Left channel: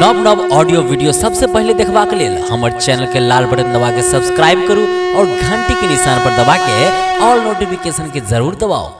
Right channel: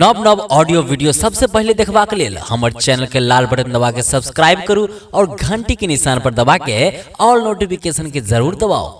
नव नव audio video सबसे पहले देखबा के लेल हमर चैनल के लाल बटन दबा के सब्सक्राइब करू और घंटी के निशान पर दबा के ऑल नोटिफिकेशन के जरूर दबाओ।